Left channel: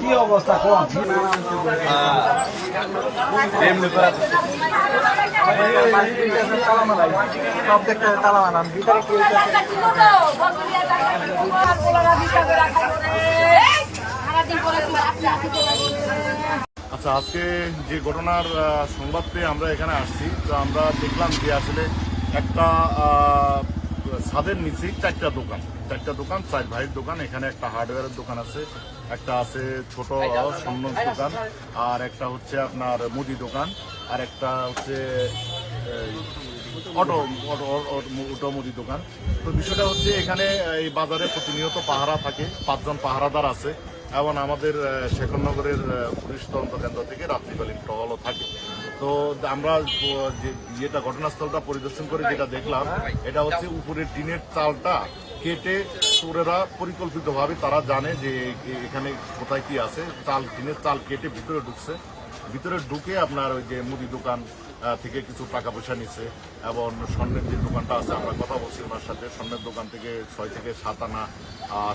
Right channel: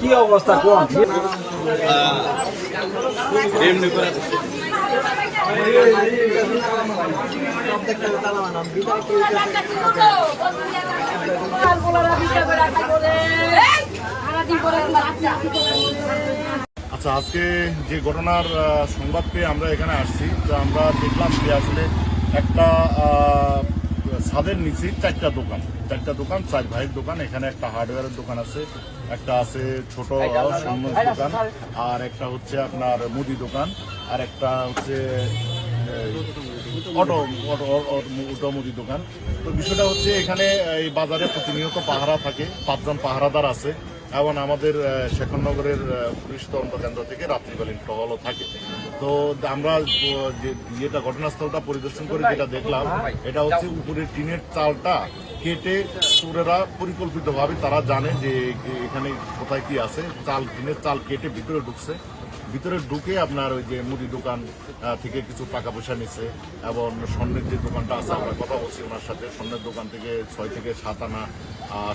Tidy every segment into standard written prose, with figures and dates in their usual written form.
কি অবস্থা কোন এমনি করে সব দেখতে তালা মানান ভিতরে কি হইতাছে আচ্ছা, আজকে যে ঘটনার সংবাদ পেয়ে আমরা এখানে আসছি, তো আমরা দেখলাম যে আসলে একটা ছাদের নিচে চারটা দোকান, চার ভাইয়ের দোকান। এখানে একটা হার্ডওয়্যারের দোকান আছে, একটা আছে ছোট স্বর্ণ দোকান, আর একটা হচ্ছে আপনার মুদি দোকান, আর একটা হচ্ছে অটো মুদি দোকান। তো বিষয়টা হচ্ছে এখানে এই বাজারে প্রতিনিয়ত পাহারা থাকে, 5 জন পাহারাদার আছে, এবং আমাদের শেখরনগরের পুলিশ তদন্ত কেন্দ্র থেকে রাত্রিকালীন টহলও থাকে। তো আমরা যেটা ঘটনাস্থলটা পরিদর্শন করে যেটা দেখলাম, এটা হচ্ছে উপরের টিনের চালটা কেটে চোরেরা পরিকল্পিতভাবে তারা জানে যে এখানে কোথায় কি আছে, টিনের চাল কেটে ভিতরে ঢুকে আপনার ওই যে মুদি দোকান থেকে কিছু টাকা পয়সা নিচ্ছে, এবং স্বর্ণের যে দোকানটা আছে, আমরা কথা বলছি ওনার সাথে, স্বর্ণের দোকান থেকে 6 থেকে 7 আনা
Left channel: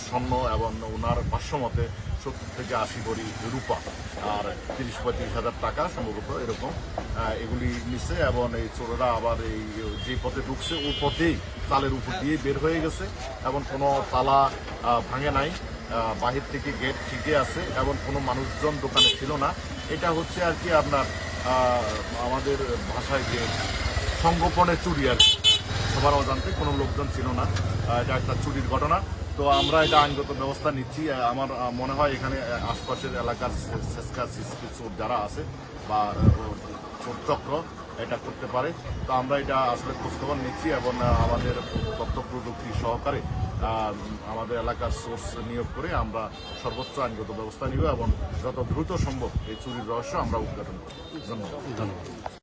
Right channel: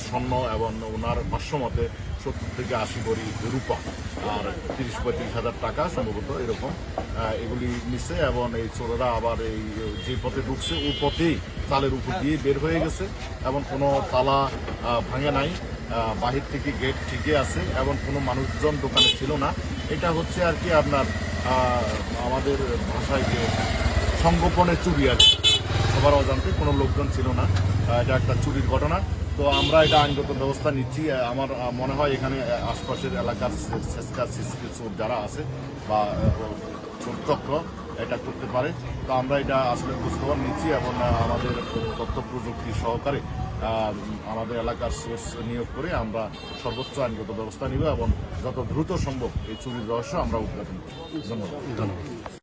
স্বর্ণ, এবং ওনার ভাষ্য মতে 70 থেকে 80 ভরি রূপা, আর 30-35 হাজার টাকা সম্ভবত এরকম এগুলি নিচ্ছে। এবং এই চোরেরা আবার এই যে পথে ঢুকছে ওই পথেই তালের উপর দিয়ে বের হয়ে গেছে, এবং কোনো তালা ভাঙে নাই, বাহির থেকে গেট ঠিকই আছে, এবং কোনো মানুষজন দোকানে ছিল না। এটা হচ্ছে আর কি আপনার আমাদের ভাষায় যে সংগোপনে চুরি, আর সবার অজান্তে কোনো লোকজন ছিল না, এটা একটা চুরির ঘটনা। তো আমরা এটা আইনগত ব্যবস্থা নিচ্ছি। আমার মনে হয় এখানে আশপাশের এলাকার চোর যারা আছে বা চোর চক্র এটা করতে পারে। তো আমরা এটা আসলে খোঁজখবর নিচ্ছি, এবং আমাদের তথ্য প্রযুক্তি সহকারে আমাদের এলাকার সোর্স নিয়োগ করে আমরা সর্বোচ্চ আইনগত ব্যবস্থা নিব, এবং যত দ্রুত সম্ভব এই চুরির রহস্য আমরা উদ্ঘাটন করব। ধন্যবাদ।